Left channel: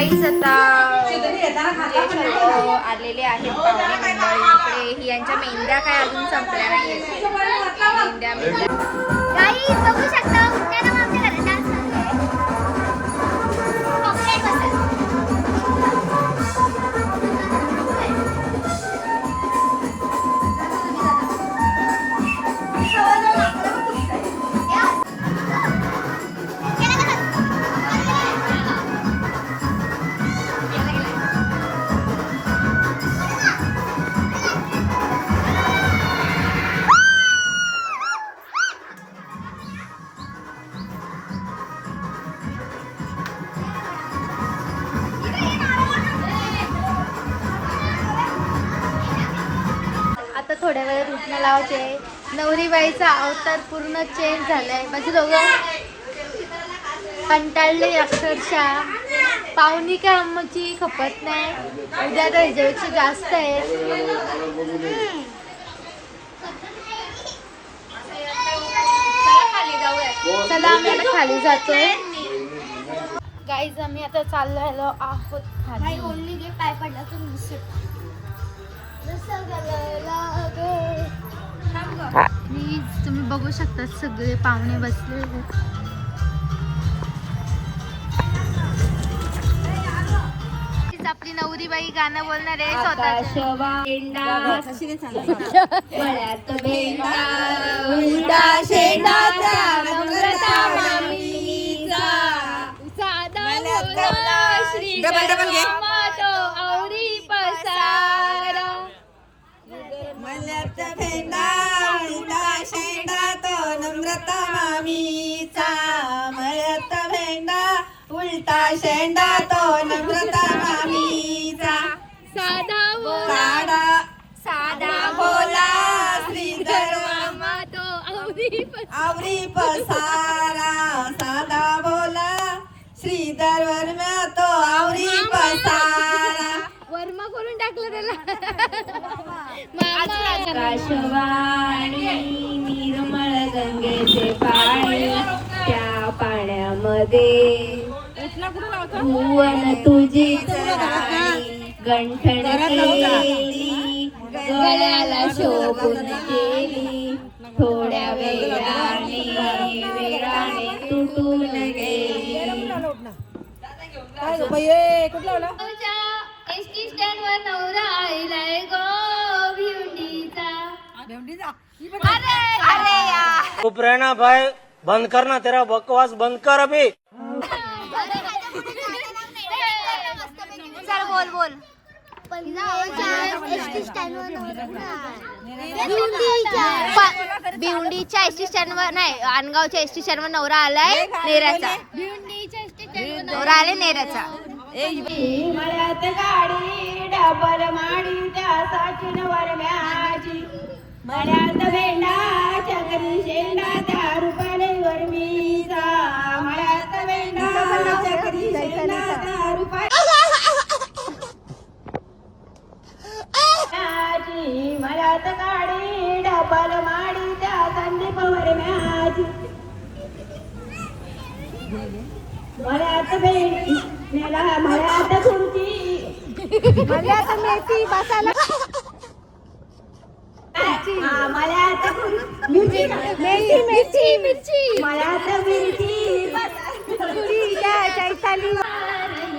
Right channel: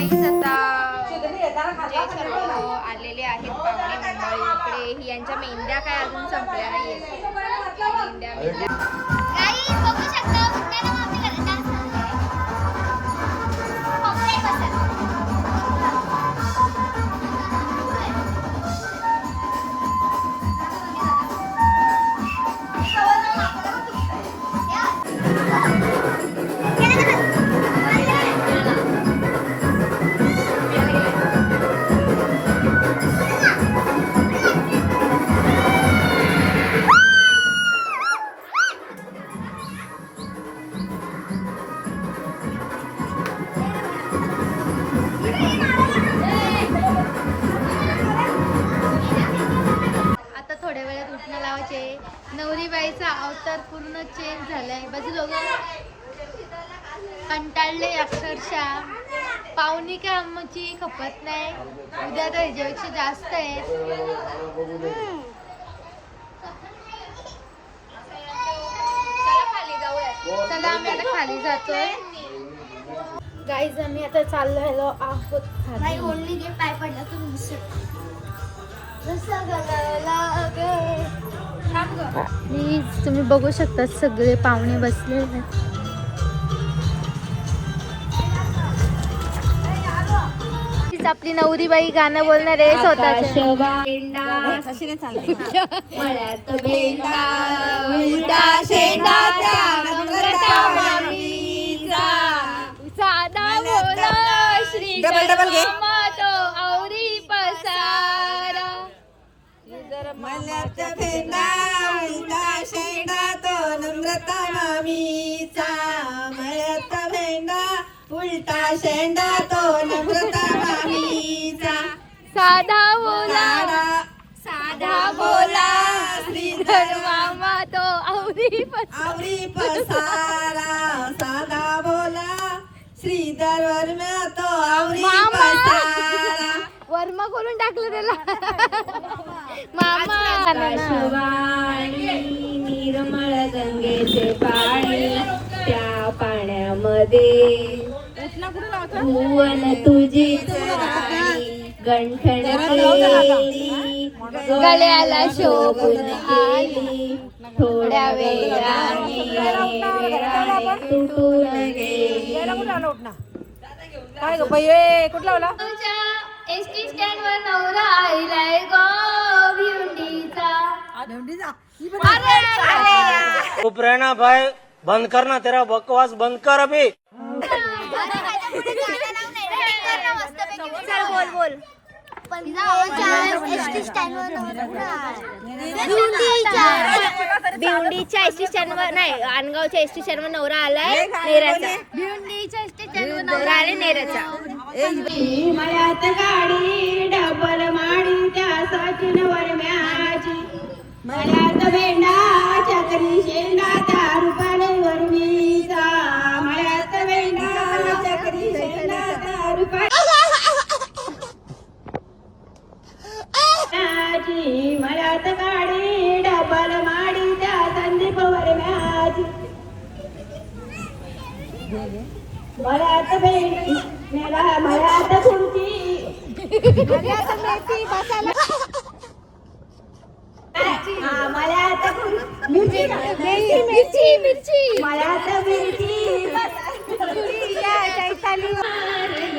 Guys आता जे सर्व आलेले आहेत पाहुणे मंडळी, यांच्या मेंढ्या काय अजून संपल्या नाही. मेंढ्या गाईज बघू शकता उद्याला आमच्या घरात डान्स नवरीबाईचा अवतार पूर्ण चेंज झालाय. म्हणजे दोघं कंटाळले अक्षरशः. पाहुणी काय आमची खपत नाही. उद्या तर ह्याच्यापेक्षा जास्त आहे. चला आम्ही आता खाली जातोय. गाईज आम्ही आता चाललो आहोत खाली. पाय पडला प्लीज तुम्ही बघू शकता सगळे पाहुणे बसले. आपली नवरीबाई गाणं बोलणार आहे स्वतः. मल्याचा भेंडा उलटा शेंडा तो नम्रता मामीचा. मल्याचा भेंडा उलटा शेंडा तो नम्रता मामीचा. साधा बोला साधा बोला श्रीधर मामा तो आवरी पसारा. साधा बोला श्रीधर वर्मा तो आवरी पसारा. वर्मा करून टाकलं त्याला. आकाशवाणी निर्मळ गंगेचे पाणी त्या पाण्यामध्ये भुवन तुझीच राणी गंठण केली गळ्याला शोभून केली. थोड्या वेळाने तुटून गेली. कुठला एसटी स्टँड वर नवरा आईलाय गो भिवंडीचा. चुप रहना भाई, बंद करना तेरा बकवास, बंद कर अभी. चल बोल. भिवंडीच्या एसटी स्टँड वर नाही, अनगावच्या एसटी स्टँड वर नवरा आलाय नेराचा. भिवंडीच्या एसटी स्टँड वर नवरा आलाय नेराचा. मळ्यात गाडी डबल माडी त्या सचिन वरम्याची. मळ्यात भेंडा चक्री शेंडा त्या रुपाने वरमीचा. मळ्यात भेंडा चक्री शेंडा त्या रुपाने. मळ्यात गाडी डबल माडी त्या संदीप वरम्याची. मळ्यात भेंडी मळ्यात खुर्ची मळ्यात मिरची मळ्यात मिरची.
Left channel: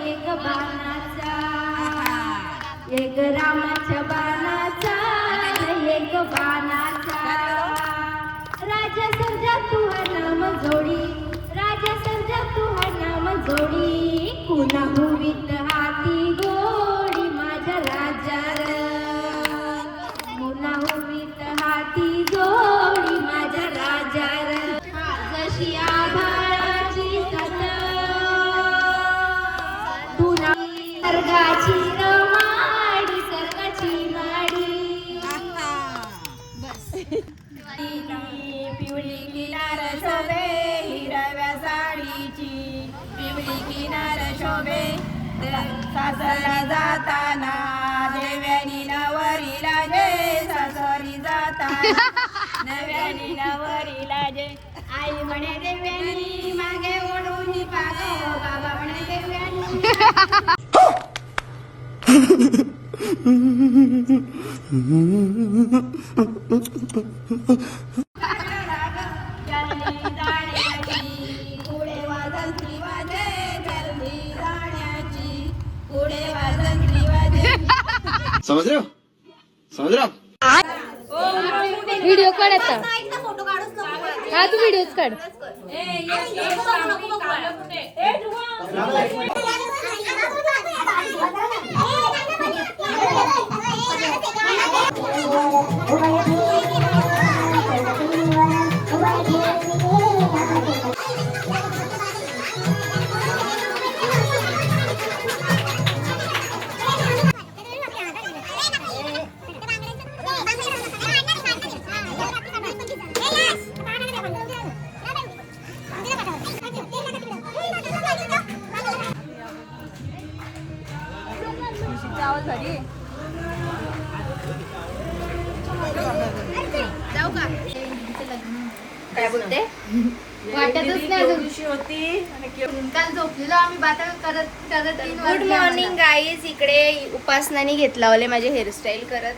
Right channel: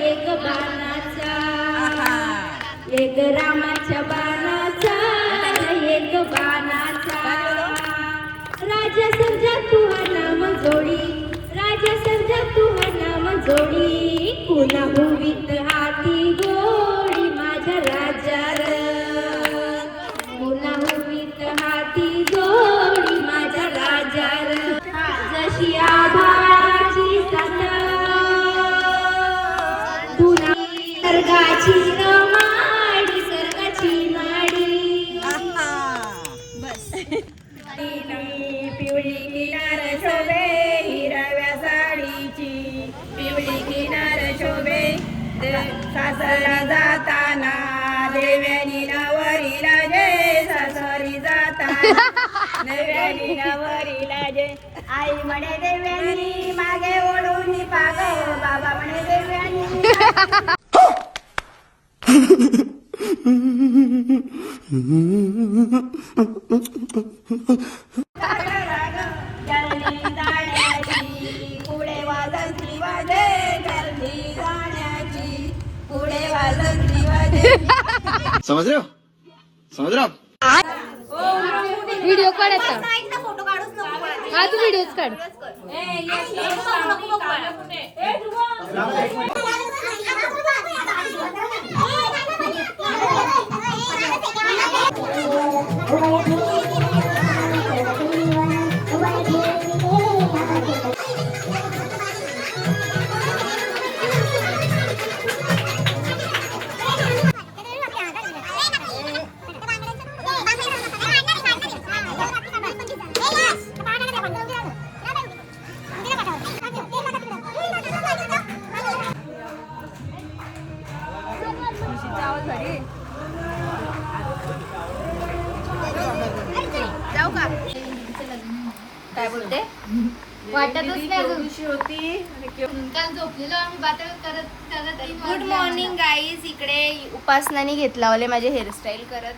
एक बाणाचा एक रामाच्या बाणाचा एक बाणाचा. राजा समजा तू नाम जोडी. राजा समजा तू नाम जोडी. पुन्हा भूमीत हाती गोडी माझ्या राजार. पुन्हा भूमीत हाती गोडी माझ्या राजार. जशी आभाची साथ तुला सर्गाची रमाडी सर्गाची माडी. बस पिवळी किनार शोभे हिरव्या साडीची. पिवळी किनार शोभे सासरला जाताना देव्यानी नवरीला जे. सासरी जाताना देव्यानी नवरीला जे. आई म्हणे देव्यानी मागे ओढून पाग. बाबा म्हणे देव्यानी पुढे वाजंत्री वाजे गर्दी जाण्याची पुढे वाजंत्री वाजे समझ रहे हो व्हिडिओ काढ आता हा तू व्हिडिओच काढ जाऊ का काय बोलते वाटतच नाही अजून काल झोपलेलो आम्ही बाता करत करत गुड मॉर्निंग गाईज. इकडे उपासनाने घेतला ओले माझे हेअरस्टाईल करत,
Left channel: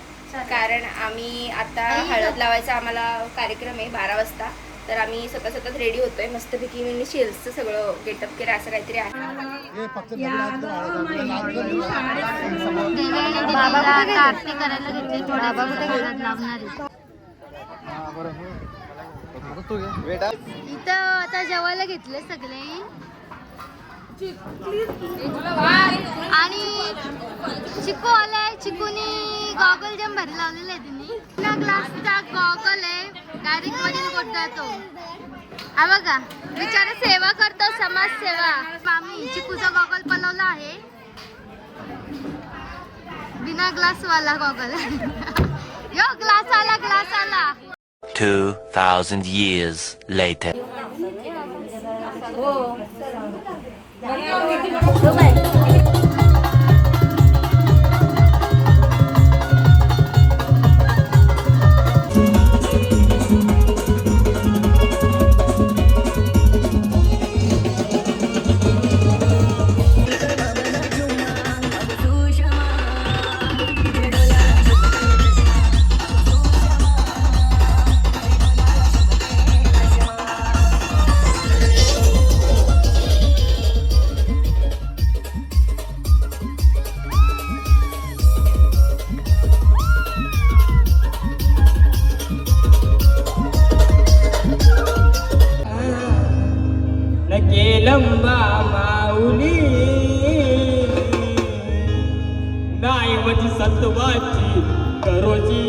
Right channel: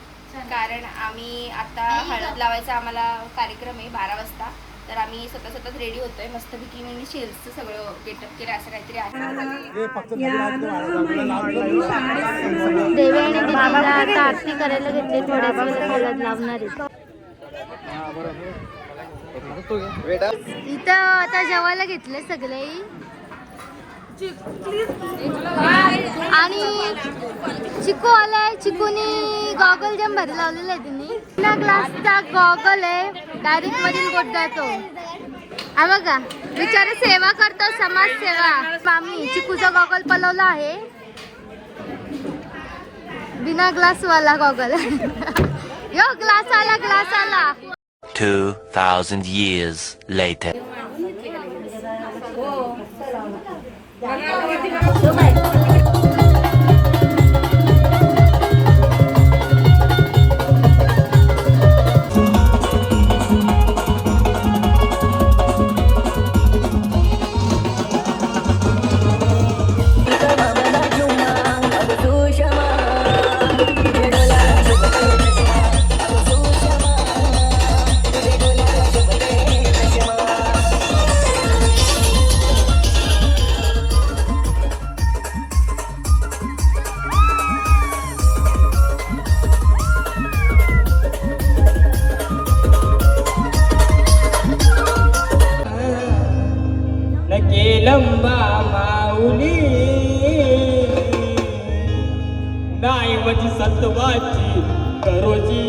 कारण आम्ही आता हळद लावायचा आम्हाला कार्यक्रम आहे 12 वाजता. तर आम्ही सतत रेडी होतोय मस्तपैकी. मी शेल्सचं सगळं गेटअप केलं असं काहीतरी आहे. देव्याने दिदीला आता आरती करायला घेतली, थोड्या वेळ हळद लावणार आहे. इथं आता जेवायला घेतले सगळे आणि चिकू आलाय. चिकूनी गॉगल जम भरी लावलेला आहे तिने. बिना ग्लासचा गॉगल आहे, डायरेक्ट मरीन बोट जातो. हा बघा बिचारा सेवा करतो, समाज सेवा. आम्ही चिकूचा गॉगल पलवला आहे, बिना ग्लास वाला गॉगल. यो ग्लास आला 2,000 years later. लंबा माऊली नाही माझी सत्वाची करोची